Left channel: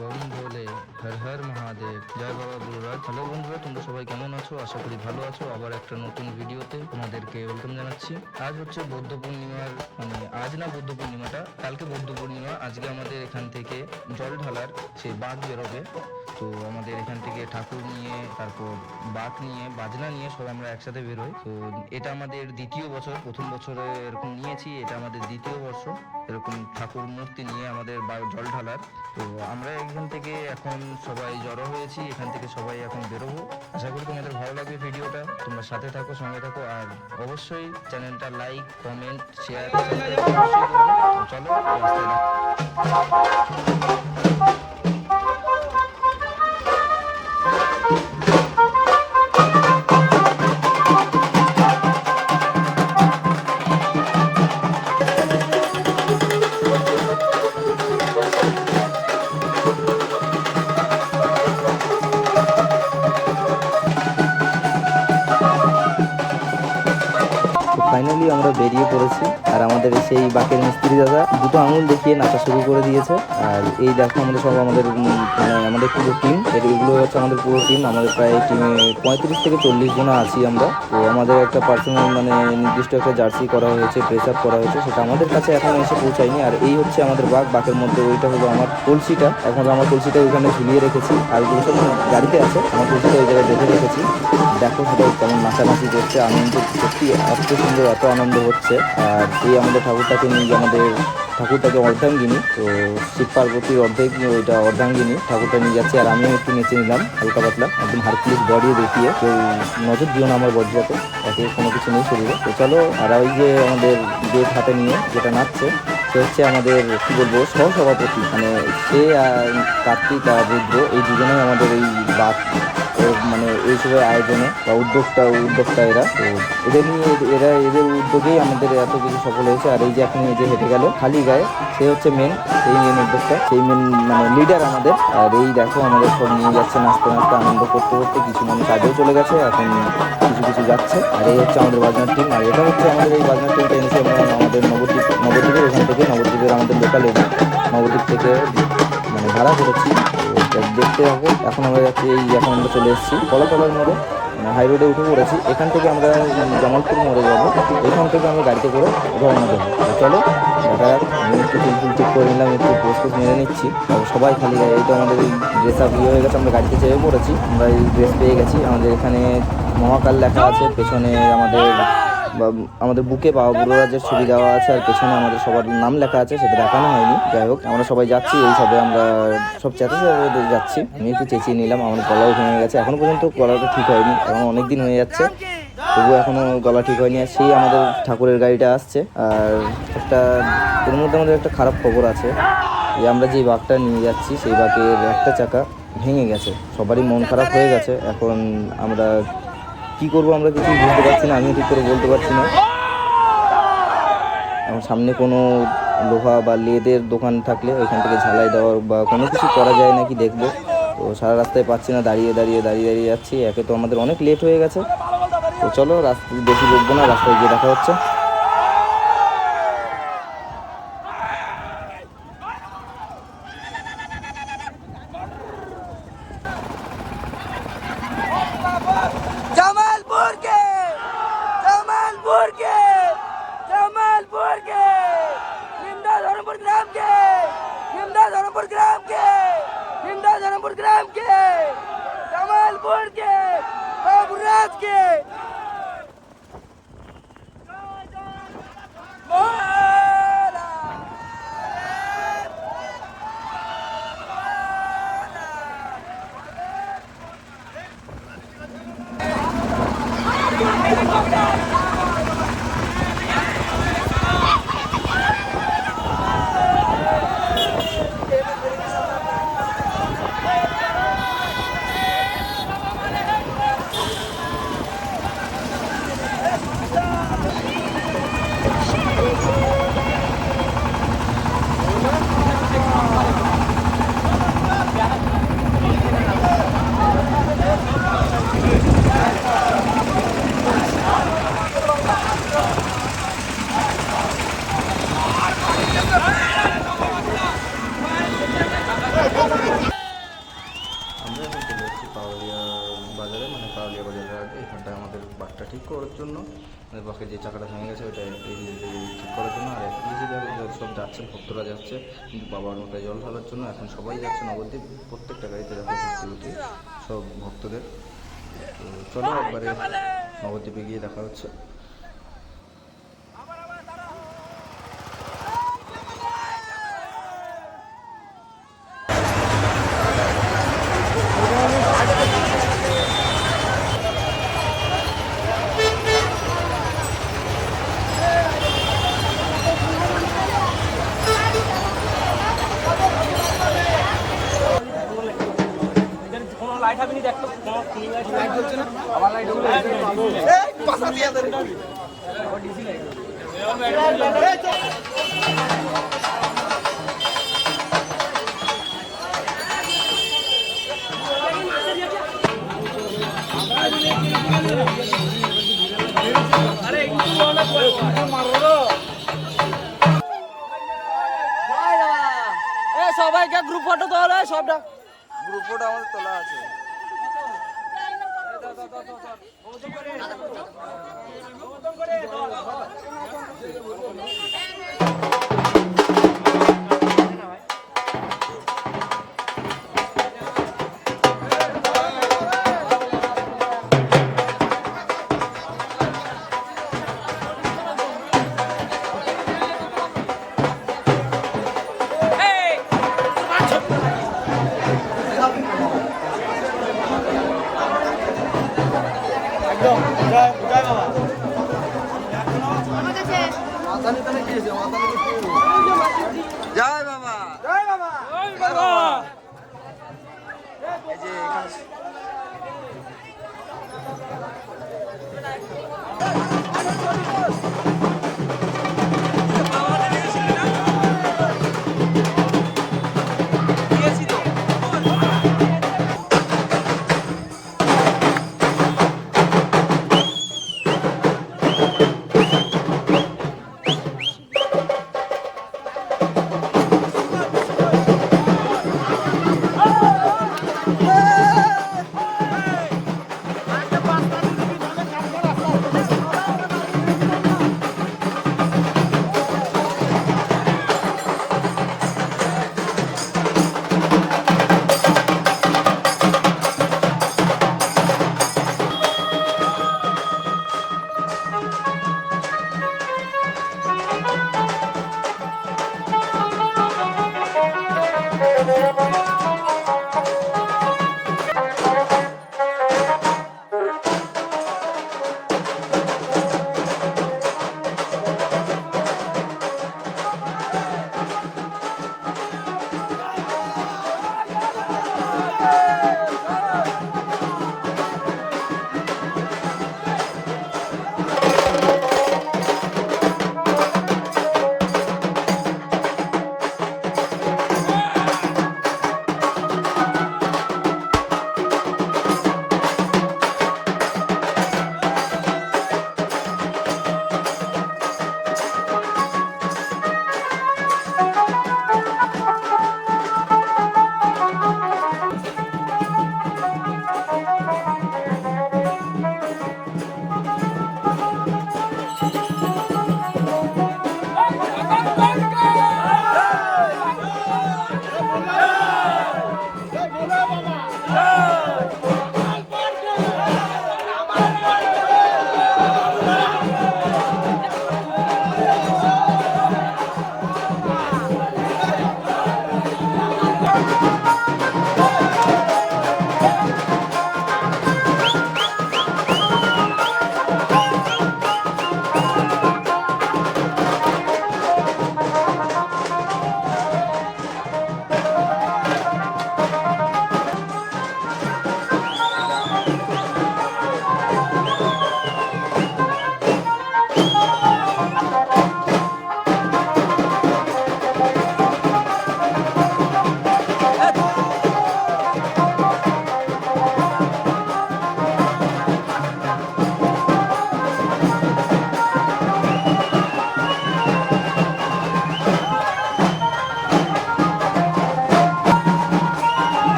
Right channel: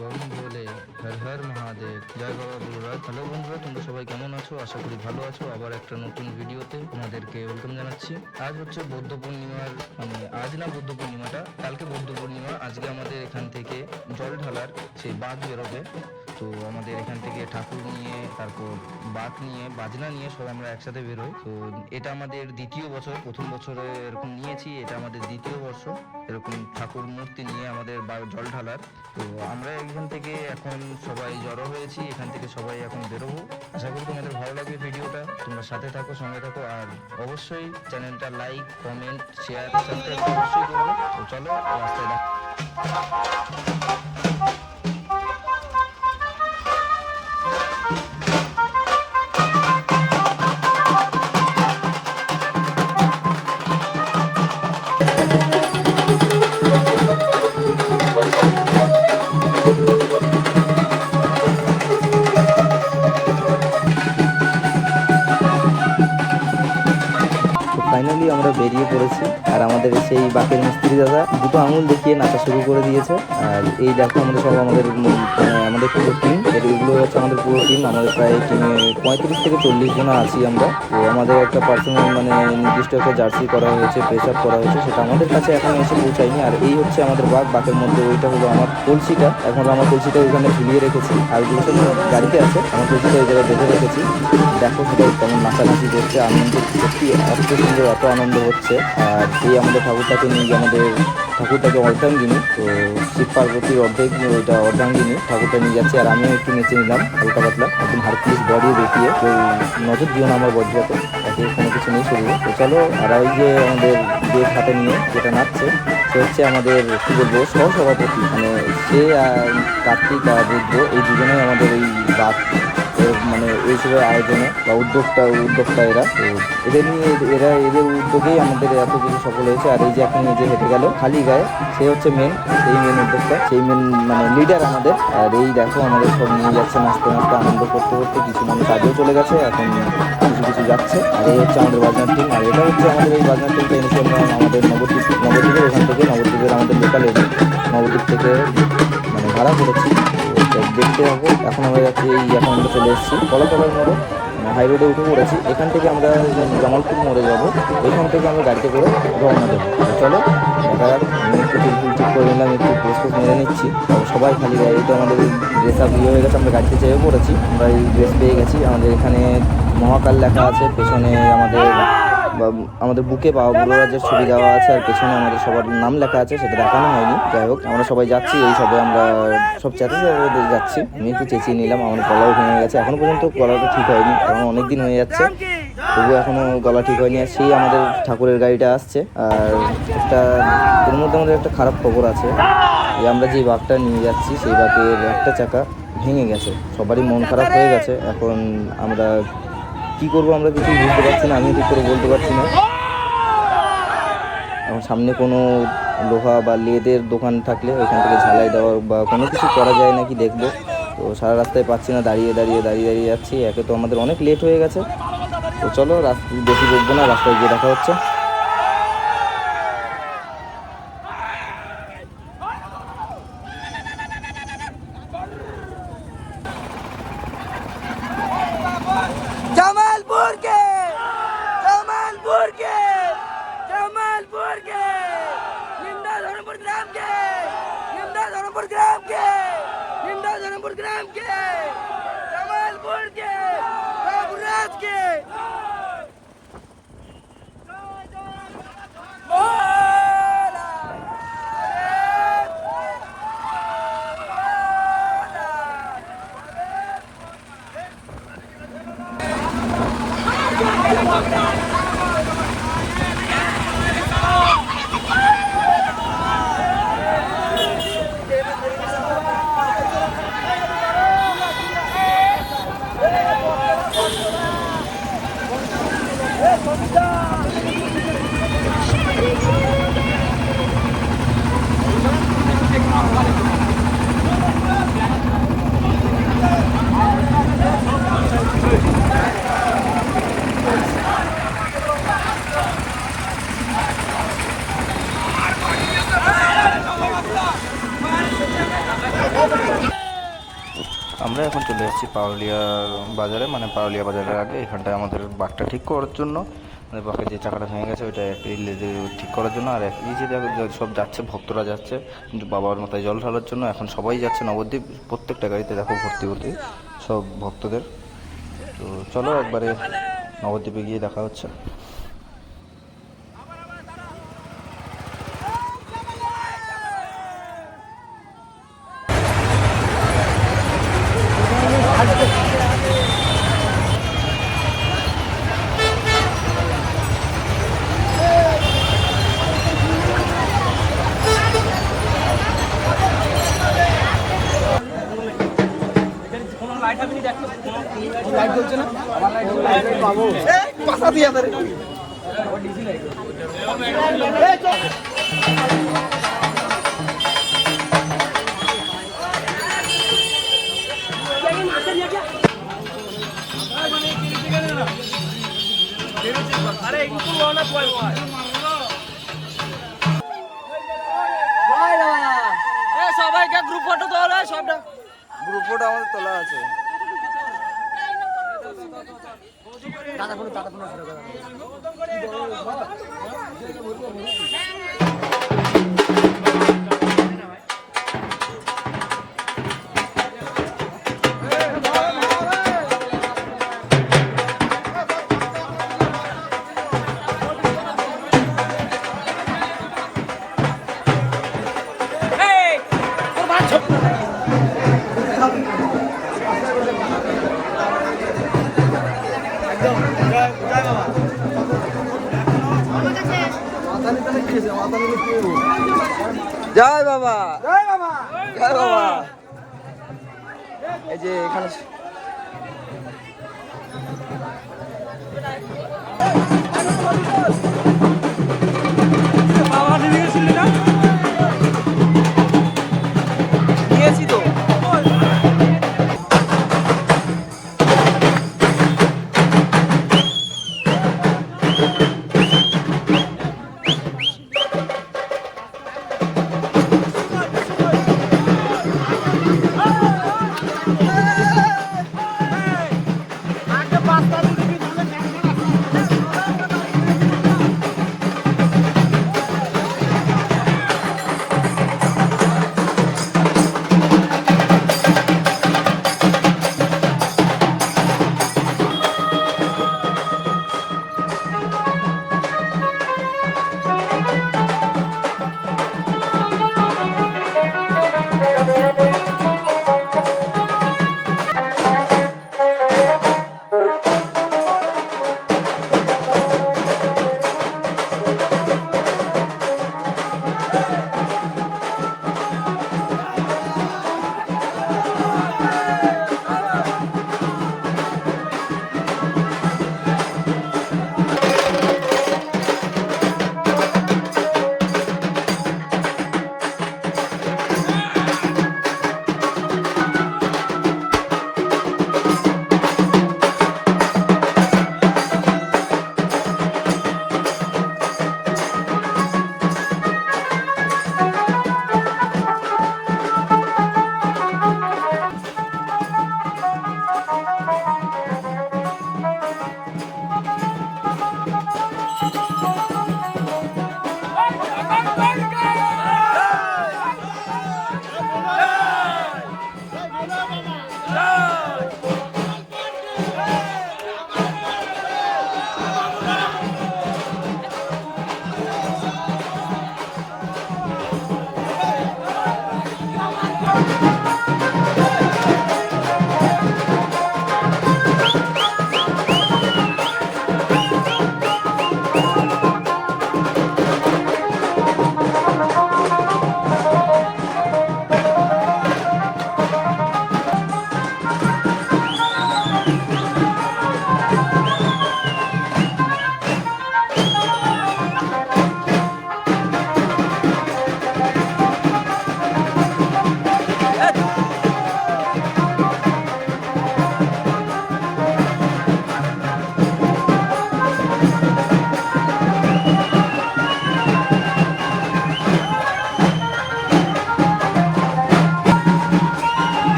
Bomb ভোলে, হর হর মহাদেব, জয় বাবা বুলুরাজ। Hello বন্ধুরা, তোমরা সবাই কেমন আছো? আশা করি ভালো আছো। আবার একটা নতুন ভিডিওতে তোমাদেরকে ওয়েলকাম জানাচ্ছি। আজ হচ্ছে বৌদ্ধ পূর্ণিমার, আজ না, বৌদ্ধ পূর্ণিমাটা কালকে বৌদ্ধ পূর্ণিমা। আজকে আমাদের এখান থেকে জল ঢালার সেই বাঘ বেরোবে। তো আমাদের এখান থেকে ঠাকুর নিয়ে, তারপর বাঘ নিয়ে, বাজনা নিয়ে সব আমরা একসাথে বেরোই। তো এটা আমাদের দ্বিতীয় বছর। প্রথম বছরে এরকম নিয়েছি, এটা আমাদের দ্বিতীয় বর্ষ এরকম ঠাকুর মূর্তি নিয়ে আমাদের জল ঢালার। তো আমরা এখান থেকে এখন সবাই জড়ো হয়েছি, এখান থেকে সবাই এখন বেরোবো। আশা করি তোমাদের ভালো লাগবে ভিডিওটা। তোমরা সাথে থাকো, সঙ্গে থাকো, আর অবশ্যই চ্যানেলটা লাইক, কমেন্ট, শেয়ার, সাবস্ক্রাইব অবশ্যই করবে। তো চলো রাস্তায় দেখা। ফাইনালি আমরা বেরিয়ে পড়েছি, আর আমাদের সেই বাকের মিস্ত্রি দাদা দুটো আঙুল দেখিয়ে নাচা শুরু করে দিয়েছে। আর এই দেখো আমাদের সব, আমাদের আমাদের পুরো টিম, এগুলো হচ্ছে আমাদের পুরো টিম। আমাদের প্রায় টিমে 35 থেকে 40 জন আছি আমরা। তো আমাদের একটা পার্সোনাল নির্দিষ্ট একটা জার্সি করা হয়েছে, প্রেস আপ করা হয়েছে, সেটা আমাদের কাছে এখনো এসে পৌঁছায়নি। আর এই হচ্ছে আমাদের বাকের মধ্যে ওইটা হলো আমার কলসিটা। এখন আমার কলসিটা ওইখানে ঝুলিয়ে রেখেছি, আর ওগুলো সব গাড়িতে আছে। আমার কলসিটা ওই জায়গায় বেঁধে রেখেছি। দেখো সবাই কেমন নাচানাচি করছে, আনন্দ, সত্যি এত সুন্দর, এত আনন্দ হচ্ছে। আর এই আমাদের ঠাকুরটাকে নিয়ে, আমাদের ঠাকুরটাকে অর্ধাঙ্গিনী, তো শিব পার্বতীর অর্ধেক, ওইটা অর্ধাঙ্গিনী ঠাকুরটা নিয়ে যাচ্ছি। আর আমিও একটু নেচে নিলাম হালকা পাতলা, একদম হারকুলিস বডি দেখিয়ে। কেউ নজর দিও না আমার বডিটাতে, তাকে কোনো কিছু নেই শরীরে। তো চলো। আর ওই যে আমাদের বেদ হাতে নিয়ে যেটা নাচছে, সে হচ্ছে আমাদের কি বলবো সহসভাপতি, সে আর কার্তিক আর রুদ্র, এই দুজনেই আমাদের এই বাক এইসবের আয়োজনে বা উদ্যোক্তা এরা। তো এদের নিয়ে, এদের উদ্যোগেই আমাদের এত কিছু সফল হয়েছে। আর এই যে এখন এই যে হেঁটে গেল খালি গায়ে, সে হচ্ছে সেই মেন উদ্যোক্তা, সেই লিডার আমাদের। আর এই দেখো আমাদের সব নিয়ে যাচ্ছে নাচতে নাচতে, আনন্দ করতে করতে। কিছু মানুষ আগেও চলে গেছে, এখন কিছু কিছু যাচ্ছে। আর এই হচ্ছে আমাদের বাজনার টিম। আর এটা হচ্ছে আমাদের এই বাজনার টিমটা এনেছি আমরা আমাদের নবদ্বীপের ওখান থেকে, নবদ্বীপের আমাদের লোকাল এরিয়া, নবদ্বীপ থেকে ভাড়া করেছি। তো দেখতে হবে। এখন আমরা যাচ্ছি, এখন আমরা চলে এসেছি কলাতলার মোড়ে, হাই রোডে উঠে পড়েছি। এখান থেকে আমরা জামালপুর মোড়ে যাব, ওইখান থেকে আমরা গাড়িতে করে রওনা দেবো। তো চলো দেখা যাক। আমি একটু চুল ঠিক করে নিলাম, একটু পোস্ট মেরে নিচ্ছি। সবাই খালি গায়ে, এই তো আমাদের এই ড্রেস আপ হয়ে গেছে, আমরা গাড়িতে চেপে পড়েছি। আমরা এই ড্রেস পেয়ে গেছি। আমাদের এখানে মহাকাল লেখা আছে, পেছনে আমাদের বুকে বাবা বুলুরাজের ছবি দেওয়া আছে, আর পেছনে আমাদের সবার নাম লেখা আছে, সেটা দেখানো হয়নি। যাই হোক, আমরা সবাই যাচ্ছি, এই সবে আমরা সব চেঁচাতে যাচ্ছি। আমি একটু চেঁচিয়ে নিলাম, আমার গলাও ভেঙে গেছে। এখনো পর্যন্ত গলাটা ঠিক হয়নি, এখন অনেক দিন হয়ে যাচ্ছে, তবুও এখনো গলা ঠিক হয়নি। আর সেই আমাদের ঠাকুরের গাড়িটা আসছে। আর এর মধ্যে আমাদের একটা খারাপ খবর আছে, যে আমরা যে বাঘটা নিয়ে যাচ্ছি, সেই বাঘের একটা চাকা ভেঙে গেছে। সবারই মন খারাপ হয়ে গেছে। এখন আমরা কি করব, আমরা কিছুই বুঝতে পারছি না, আমিও ঠিক করে বলতে পারছি না। এখন সামনে কোনো লোহা বা লেদের দোকান থাকলে ওইখান থেকে ঝালাই দেওয়ার বা কোনো কিছু করা যায় নাকি দেখবো। তো সারা রাস্তায় পাচ্ছি না, দাঁড়িয়ে যাচ্ছি। একে তো আমাদের অনেক লেট হয়ে গেছে। তো চলো, রাস্তায় বেশি বকবো না, রাস্তায় গিয়ে দেখা হচ্ছে। जमालपुर के जमालपुर के जमालपुर के निम्दा धर्मपुर ग्राम के निम्दा धर्मपुर ग्राम के निम्दा धर्मपुर ग्राम के जमालपुर के बाबूराज के আমরা এখন চলে যাচ্ছি পারুলিয়া বাজারে, মানে পারুলিয়া বাজারের আগে এখানটায় আমাদের বাঘটা ঠিক করার জন্য, মানে বাঘের যে চাকাটা ভেঙে গেছে ওইটা ঠিক করার জন্য। আর এই যে সব যাচ্ছে, ভক্তরা যাচ্ছে কিন্তু বাবার মাথায় জল ঢালার জন্য। এখন সবাই যাচ্ছে নবদ্বীপ, প্রত্যেকটা গাড়িতে দেখো ভর্তি ভর্তি সব ভক্তদের। তো চলো একবারে নবদ্বীপে গিয়ে দেখা হচ্ছে। সবাইকে গ্রুপ ফটো তোলা, সব গ্রুপ ফটো আমাদের তোলা আছে। জয় বাবা, জয় বাবা, জয় বাবা। এই যে এখানে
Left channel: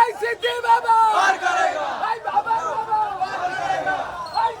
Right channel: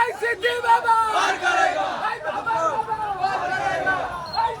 এই সিদ্ধি বাবা পার করেগা এই বাবা বাবা পার করেগা এই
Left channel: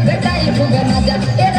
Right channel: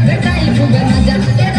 Betai juga ngajak